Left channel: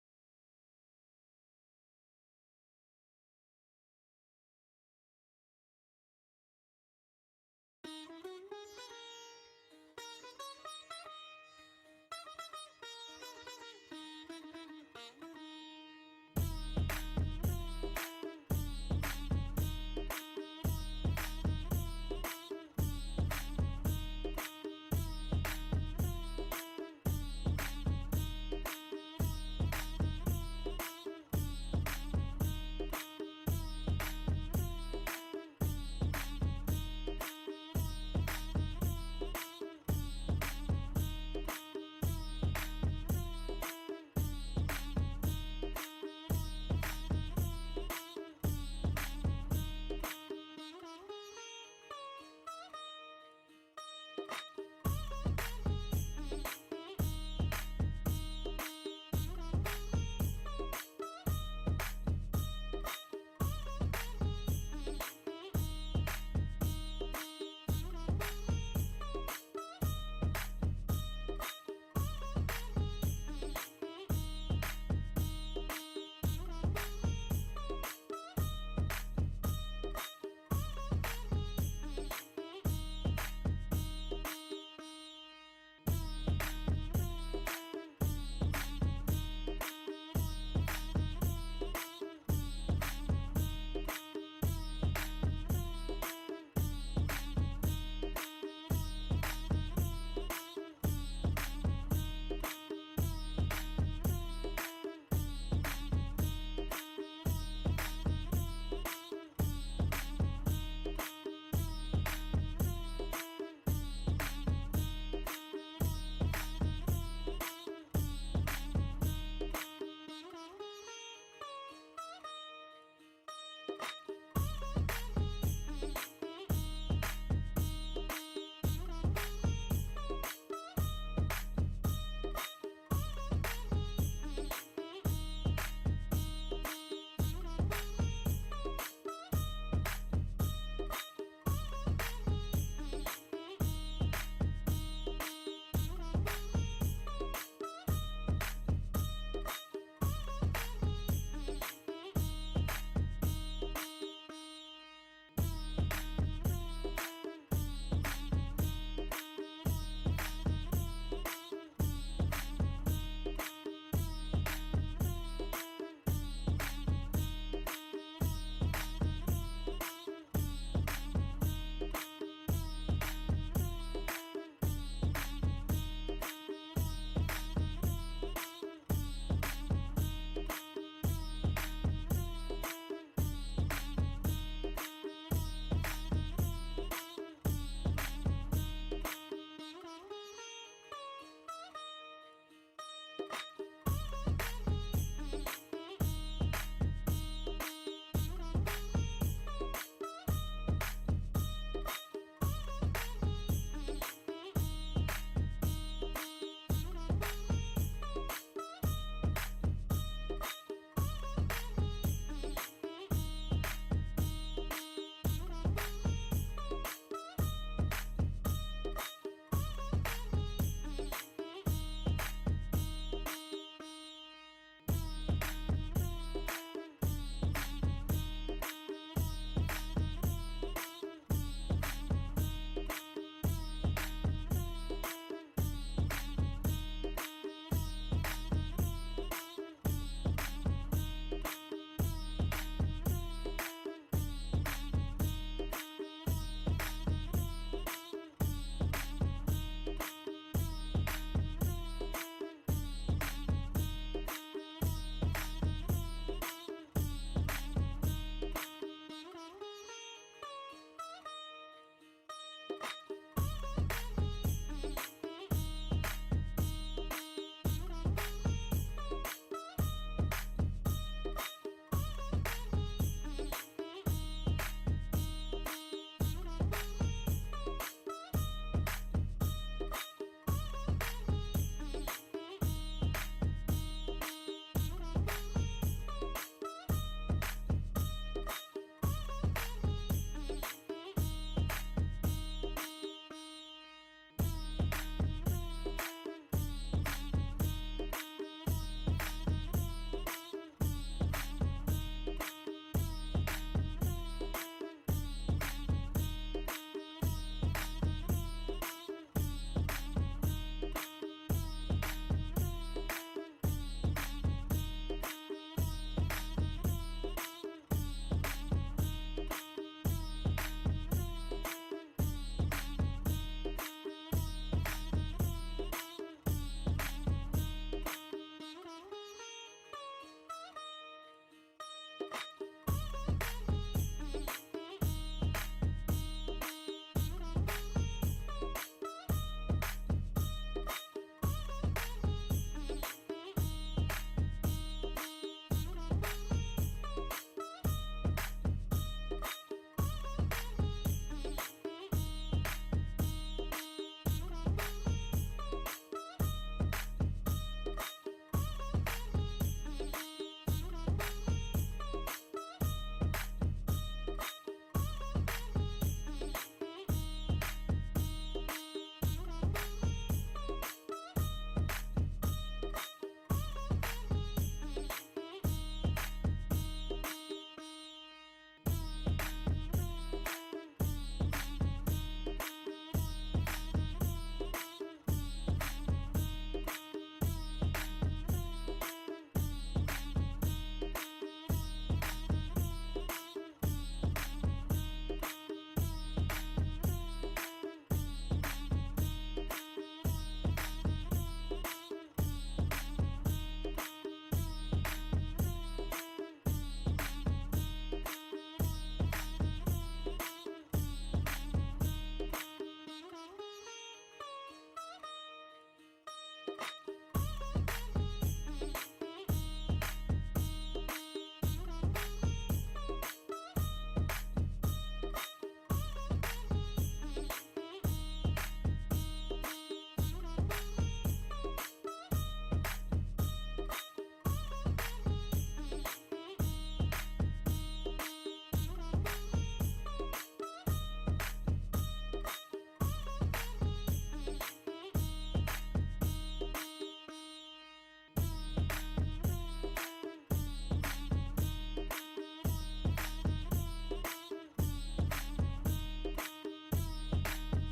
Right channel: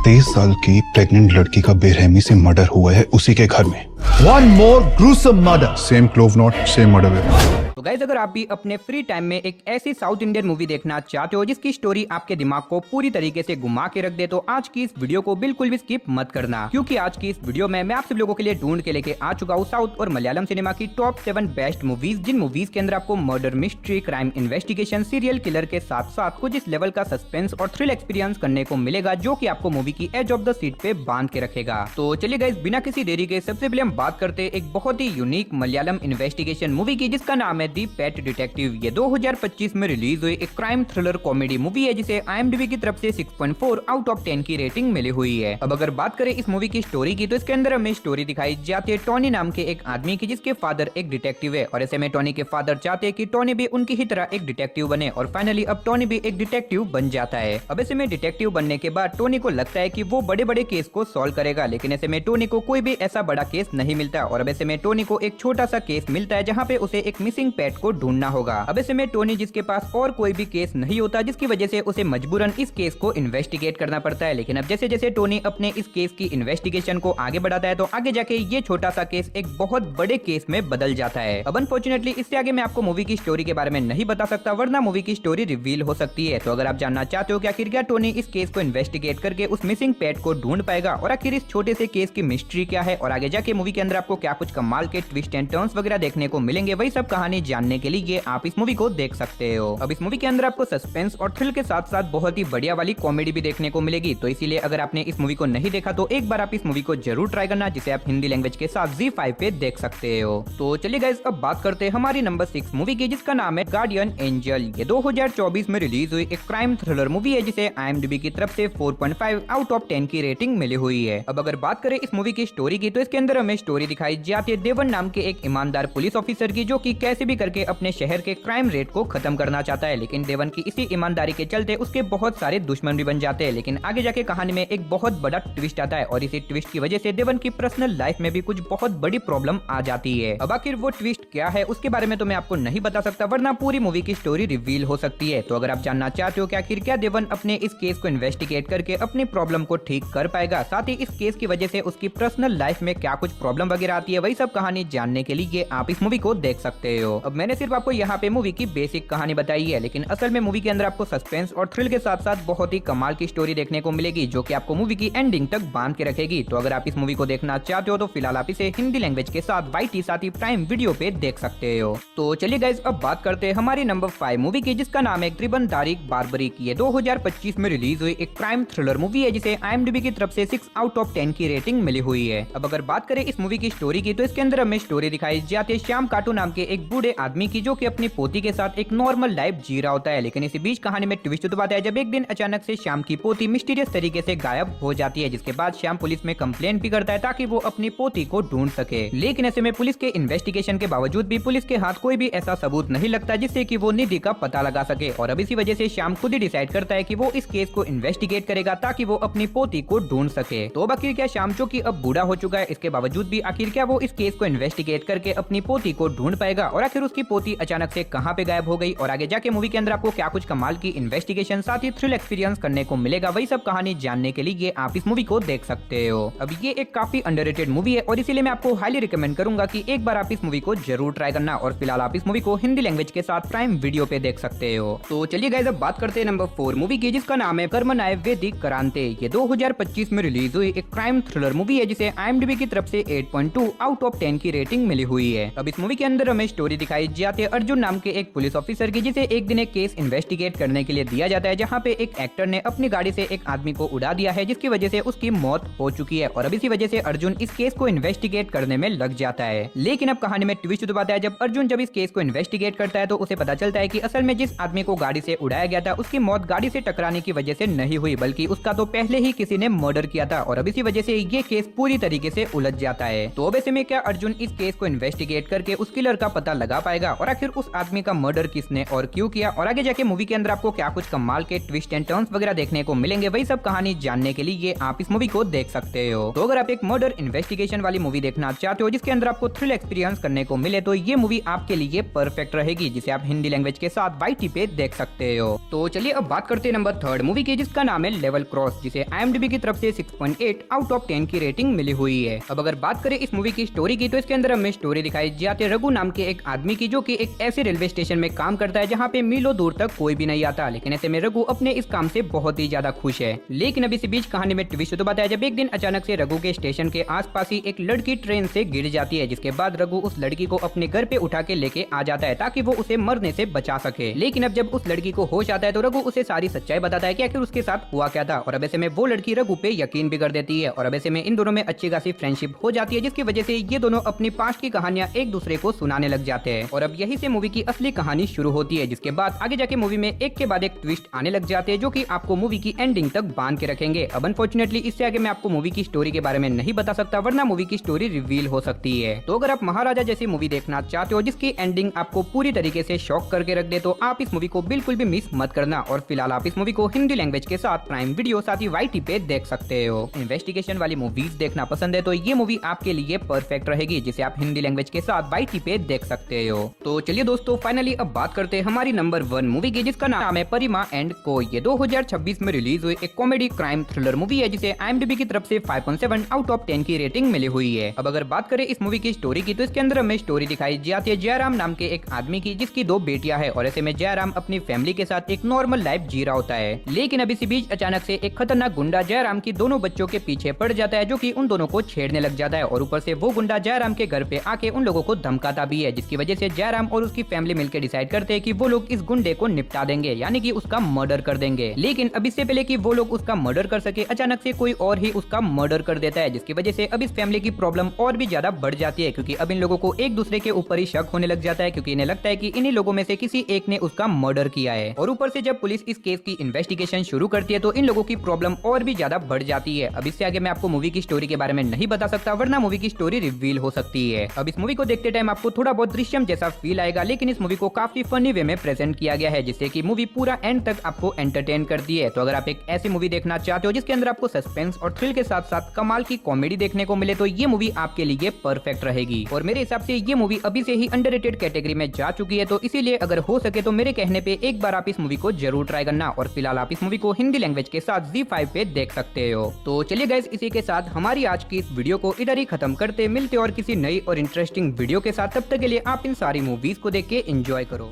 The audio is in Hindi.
23 साल की प्रेग्नेंट लड़की का बेरहमी से मर्डर हुआ है उसी के घर में। One more gruesome murder. Same clove not same murder. तो गाइस, अगर आप भी अपने फ्री टाइम में एक ऐसी साउथ इंडियन मूवी देखना चाहते हो जिसकी स्टोरी आपके दिमाग को पूरी तरीके से घुमा के रख दे, तो आज की इस वीडियो को बिल्कुल भी स्किप मत करना, क्योंकि आज की इस वीडियो में मैं आप सब लोगों के लिए ढूंढ के लेके आ चुका हूँ साउथ और मलयालम सिनेमा की टॉप 7 बेस्ट मूवीज, जिन मूवीज के अंदर आपको murder, mystery, crime investigation, serial killer के साथ साथ कुछ इस लेवल का सस्पेंस और थ्रिल एक्सपीरियंस करने को मिलेगा, जो की आपको मूवी की एज ऑफ द सीट पे बांध के रखेगा। तो चलिए गाइस, बिना किसी देरी के सबसे पहले हम बात करते हैं एक बहुत ही यूनिक मलयालम इन्वेस्टिगेशन मूवी की, जिसका नाम है दी पेट डिटेक्टिव। ये 2025 में रिलीज हुई एक क्राइम थ्रिलर कॉमेडी मूवी है, जिसे IMDb की तरफ से 6.4 आउट ऑफ 10 की रेटिंग मिली हुई है। अब अगर बात करें इस मूवी की स्टोरी की, तो इसके अंदर हमें स्टोरी दिखाई जाती है टोनी नाम के एक आदमी की, जिसके फादर एक डिटेक्टिव है, और ऐसे में टोनी के फादर चाहते हैं कि टोनी भी उनकी ही तरह एक डिटेक्टिव बने, और फाइनली अब टोनी भी एक डिटेक्टिव बन जाता है। अब ऐसे में डिटेक्टिव बनने के बाद टोनी को लगता है कि वो बड़े बड़े केस को सॉल्व करेगा, लेकिन ऐसे में टोनी को कोई भी ऐसा बड़ा केस नहीं मिलता, और अब ऐसे में टोनी को एक छोटा सा केस मिलता है जहाँ पे उसे एक मिसिंग पेट को ढूंढना होगा। अब ऐसे में टोनी, जिसके पास और कोई भी केस नहीं होता, जिसकी वजह से उसे मजबूरन इस केस को इन्वेस्टिगेट करना पड़ता है। लेकिन अब जैसे जैसे टोनी अपने इस केस की इन्वेस्टिगेशन को आगे बढ़ाता है, तो आगे जाके ये छोटा सा केस एक बहुत बड़े केस में बदल जाता है। अब अनफॉर्चुनेटली इससे आगे मैं आपको मूवी की स्टोरी के बारे में नहीं बता सकता, वरना मूवी की स्टोरी रिवील हो सकती है। तो अगर आप जानना चाहते हो कि आखिर क्या टोनी इस केस को इन्वेस्टिगेट करके उस मिसिंग पेट को ढूंढ पाएगा, और आखिर इस छोटे से केस की मिस्ट्री क्या है, और आगे जाके मूवी के अंदर आपको क्या कुछ कमाल के ट्विस्ट एंड टर्न्स वगैरह देखने को मिलेंगे, वही सब कहानी जानने के लिए आप इस मूवी को देख सकते हो। अब इस मूवी के अंदर आपको सस्पेंस और थ्रिल के साथ साथ बहुत ही बढ़िया वाली कॉमेडी भी देखने को मिलेगी, तो इसीलिए अगर आपने इस मूवी को नहीं देखा तो एक बार आप इस मूवी को जरूर ट्राई करना, जिसे आप हिंदी लैंग्वेज के साथ ZEE5 पे देख सकते हो। तो चलिए गाइस, अब बात करते हैं हमारी नंबर 6 मूवी की, जिसका नाम है गार्डियन एंजल। ये 2024 में रिलीज हुई एक क्राइम थ्रिलर मूवी है, जिसे IMDb की तरफ से 4.5 आउट ऑफ 10 की रेटिंग मिली हुई है। अब अगर बात करें इस मूवी की स्टोरी की, तो इसके अंदर हमें स्टोरी दिखाई जाती है देवन नाम के एक ईमानदार पुलिस ऑफिसर की, जो कि कैसे भी करके अपने शहर के क्राइम रेट को खत्म करना चाहता है। लेकिन देवन की इसी ईमानदारी के चलते उसके बहुत सारे दुश्मन भी बन जाते हैं। लेकिन आगे जाके कहानी में एक बहुत बड़ा ट्विस्ट आता है, और इसी ट्विस्ट की वजह से देवन की पर्सनल लाइफ में भी कुछ बहुत बड़ी प्रॉब्लम आ जाती है। अब आखिर वो ट्विस्ट क्या है, उसके बारे में तो मैं आपको नहीं बता सकता, वरना पूरी मूवी की स्टोरी रिवील हो सकती है। तो अगर आप जानना चाहते हो कि आखिर क्या देवन अपने इस केस को इन्वेस्टिगेट करके अपनी प्रॉब्लम को ठीक कर पाएगा, साथ ही इस केस की वजह से उसकी पर्सनल लाइफ में क्या कुछ प्रॉब्लम वगैरह आती है, वही सब कहानी जानने के लिए आप इस मूवी को देख सकते हो। अब मैंने सिर्फ आपको यहाँ पे मूवी की बेसिक कहानी बताई है, लेकिन असल में मूवी के अंदर आपको सस्पेंस और थ्रिल के साथ साथ बहुत ही कमाल की स्टोरी देखने को मिलेगी, जो कि आपको मूवी की एंडिंग तक बांध के रखेगी। तो अगर आप इस मूवी को देखना चाहते हो तो फिलहाल आप इसे हिंदी लैंग्वेज के साथ YT साथ ही प्राइम वीडियो पे देख सकते हो। तो चलिए गाइस, अब बात करते हैं हमारी नंबर 5 मूवी की, जिसका नाम है त्रिबन तारिक बारबरिक। ये 2025 में रिलीज हुई एक क्राइम थ्रिलर मूवी है, जिसे IMDb की तरफ से 6 आउट ऑफ 10 की रेटिंग मिली हुई है। अब अगर बात करें इस मूवी की स्टोरी की, तो इसके अंदर हमें स्टोरी दिखाई जाती है श्याम काटू नाम के एक बूढ़े आदमी की, जो कि अपनी पोती के साथ एक नॉर्मल लाइफ जी रहा होता है। लेकिन इसी बीच कहानी में ट्विस्ट तो आता है, जब एक दिन अचानक से श्याम की पोती मिस्टीरियस तरीके से गायब हो जाती है, जिसके बाद श्याम पुलिस में कंप्लेन भी करता है ताकि वो अपनी पोती को ढूंढ सके। लेकिन ऐसे में पुलिस के इन्वेस्टिगेशन के बावजूद भी पुलिस के हाथ कोई भी ऐसा सबूत नहीं लगता जिससे कि वो निधि का पता लगा सके, और अब इसी वजह से श्याम खुद ही डिसाइड करता है कि वो इस केस को इन्वेस्टिगेट करेगा ताकि वो अपनी पोती को ढूंढ सके। तो अब आखिर क्या श्याम, जो कि अब बूढ़ा हो चुका है, इसके बावजूद भी आखिर क्या वो इस केस को इन्वेस्टिगेट करके अपनी पोती को ढूंढ पाएगा, और आखिर उसकी पोती अचानक से कहाँ पे गायब हो गई, और आगे जाके मूवी के अंदर आपको क्या कुछ कमाल की इन्वेस्टिगेशन साथ ही थ्रिल एक्सपीरियंस करने को मिलेगा, वही सब कहानी जानने के लिए आप इस मूवी को देख सकते हो। अब ये एक काफी अंडररेटेड मूवी है, और इसीलिए मैं आपको हाईली रिकमेंड करूंगा कि एक बार आप इस मूवी को जरूर ट्राई करना, और फिलहाल आप इस मूवी को हिंदी लैंग्वेज के साथ प्राइम वीडियो पे देख सकते हो। तो चलिए गाइस, अब बात करते हैं नंबर 4 मूवी की, जिसका नाम है कर्मनाय वैदिक करांते। ये 2025 में रिलीज हुई एक क्राइम थ्रिलर मूवी है, जिसे IMDb की तरफ से 8.2 आउट ऑफ 10 की रेटिंग मिली हुई है। अब इस मूवी के अंदर हमें स्टोरी दिखाई जाती है अर्जुन नाम के एक पुलिस ऑफिसर की, जिसे एक दिन एक केस इन्वेस्टिगेट करने के लिए दिया जाता है, जहाँ पे एक एक्टर ने अपनी गाड़ी से एक आदमी को उड़ा दिया है, जिसकी वजह से उसकी मौत हो चुकी है, और अब इसी वजह से अर्जुन इस केस को इन्वेस्टिगेट करने में लग जाता है। लेकिन अब कहानी में ट्विस्ट तो आता है, जब अर्जुन जब इस केस को इन्वेस्टिगेट करता है, तो उसे पता चलता है कि असल में जिस आदमी को गाड़ी से उड़ाया गया था, उसकी मौत गाड़ी से टकराने की वजह से नहीं हुई, बल्कि उसका तो पहले ही किसी ने मर्डर किया था, और अब इसी वजह से ये केस पूरी तरीके से उलझ जाता है। तो अब ऐसे में क्या अर्जुन इस केस को इन्वेस्टिगेट करके उस किलर का पता लगा पाएगा और आखिर उस आदमी का मर्डर किसने और क्यों किया, और आगे जाके मूवी के अंदर आपको क्या कुछ कमाल के ट्विस्ट एंड टर्न्स वगैरह देखने को मिलेंगे, वही सब कहानी जानने के लिए आप इस मूवी को देख सकते हो। तो अगर आप एक मर्डर इन्वेस्टिगेशन वाली मूवी देखना चाहते हो जिसके अंदर आपको थ्रिल एक्सपीरियंस करने को मिले, तो ये मूवी आपके लिए परफेक्ट रहेगी, जिसे आप हिंदी लैंग्वेज के साथ वाईटी पे देख सकते हो। तो चलिए अब बात करते हैं नंबर 3 मूवी की, जिसका नाम है लेवल क्रॉस, जिसे IMDb की तरफ से 6.8 आउट ऑफ 10 की रेटिंग मिली हुई है। अब अगर बात करें इस मूवी की स्टोरी की, तो इसके अंदर हमें स्टोरी दिखाई जाती है रघु नाम के एक आदमी की, जो कि एक ऐसे रेलवे स्टेशन में काम करता है जहाँ पे मीलों दूर तक कोई भी नहीं आता, लेकिन ऐसे में रघु अपने इस काम से बहुत ही ज्यादा खुश है। लेकिन अब इसी बीच कहानी में ट्विस्ट तो बताया जब एक दिन अचानक से रघु के स्टेशन के आसपास ही एक लड़की ट्रेन से गिर जाती है, जिसके बाद रघु उस लड़की को अपने घर पे उठा के लेके आ जाता है ताकि वो उसे मरने से बचा सके। लेकिन अब जब उस लड़की को होश आता है तो रघु उसे सारी सच्चाई बताता है कि आखिर उसके साथ हुआ क्या था, और अब ऐसे में वो लड़की रघु पे यकीन भी कर देती है, और अब ऐसे में इन दोनों में अच्छी खासी फ्रेंडशिप हो जाती है, जिसकी वजह से ये दोनों अपनी पास्ट की कहानियां एक दूसरे को सुनाने लग जाते हैं। और अब यही से मूवी की असली कहानी शुरू होती है, जिसके बाद आगे जाके मूवी में एक के बाद एक ट्विस्ट आने लग जाते हैं, जो कि आपको मूवी की एंडिंग तक बांध के रखेंगे। अब अनफॉर्चुनेटली इससे आगे मैं आपको मूवी की स्टोरी के बारे में नहीं बता सकता, वरना मूवी की स्टोरी रिवील हो सकती है। तो अगर आप महाराजा जैसी मूवी देखना चाहते हो जिसकी एंडिंग आपको पूरी तरीके से शॉक करके रख दे, तो आप इस मूवी को बिल्कुल भी मिस मत करना। और फिलहाल आप इस मूवी को हिंदी लैंग्वेज के साथ प्राइम वीडियो साथ ही वाईटी पे देख सकते हो। इन्वेस्टिगेशन वाली मूवीज देखना पसंद है तो ये मूवी आपके लिए परफेक्ट रहेगी, जिसे आप हिंदी लैंग्वेज के साथ वाईटी पे देख सकते हो। तो चलिए दोस्तों, फाइनली अब बात करते हैं हमारी नंबर 1 मूवी की, जिसका नाम है परिमा एंड को। ये 2026 में रिलीज हुई एक कॉमेडी क्राइम थ्रिलर मूवी है, जिसे IMDb की तरफ से 5.7 आउट ऑफ 10 की रेटिंग मिली हुई है। अब अगर बात करें इस मूवी की स्टोरी की, तो इसके अंदर हमें स्टोरी दिखाई जाती है जयराम नाम के एक आदमी की, जिसकी 2 बेटियां हैं, और ऐसे में जयराम अपनी फैमिली के साथ एक नॉर्मल लाइफ जी रहा होता है। लेकिन अब इसी बीच अचानक से एक खतरनाक गुंडा जयराम की दोनों बच्चों के पीछे पड़ जाता है, जो कि उन दोनों को छेड़ने लग जाता है, और ऊपर से वो गुंडा जयराम के घर पे आके उन लोगों को धमकाता भी है, जिसकी वजह से जयराम और उसकी फैमिली मिलकर डिसाइड करते हैं कि वो लोग इस गुंडे को निपटा देंगे, यानी कि उसका मर्डर कर देंगे। लेकिन अब इससे पहले कि वो लोग उसका मर्डर कर सके, अचानक से कोई और ही उसका मर्डर कर देता है, जिसकी वजह से अब इस फैमिली की प्रॉब्लम और भी ज्यादा बढ़ जाती है, क्योंकि अब इन लोगों को एक दूसरे के ऊपर ही शक होने लग जाता है, क्योंकि इन्हें लगता है कि इन्हीं लोगों में से किसी एक ने उसका मर्डर किया है। और ऊपर से जब पुलिस इस केस की इन्वेस्टिगेशन शुरू करती है तो इन लोगों की प्रॉब्लम और भी ज्यादा बढ़ जाती है। अब इससे आगे मैं आपको मूवी की स्टोरी के बारे में नहीं बता सकता, वरना मूवी की स्टोरी रिवील हो सकती है। अब इस मूवी को देखते टाइम आपको थोड़ा बहुत दृश्यम जैसा फील आएगा, लेकिन इस मूवी को काफी फनी वे में प्रेजेंट किया गया है, जिससे कि मूवी पूरा एंड तक आपको एंटरटेन करती है। तो अगर आप एक ऐसी मूवी देखना चाहते हो जिसके अंदर आपको सस्पेंस और थ्रिल के साथ साथ कमाल की कॉमेडी देखने को मिले, तो ये मूवी आपके लिए परफेक्ट रहेगी। और मेरे हिसाब से ये मूवी अभी से ही अंडररेटेड कैटेगरी में जा चुकी है, तो इसीलिए अगर हो सके तो मेरे कहने पे एक बार आप इस मूवी को जरूर ट्राई करना। और फिलहाल आप इस मूवी को हिंदी लैंग्वेज के साथ ZEE5 पे देख सकते हो। तो चलिए गाइस, इसी के साथ हमारी आज की इस वीडियो को इधर ही खत्म करते मिलते और किसी नई और इंटरेस्टिंग वीडियो के साथ। तब तक के लिए आप इन सारी मूवीज को देख के एंजॉय करो।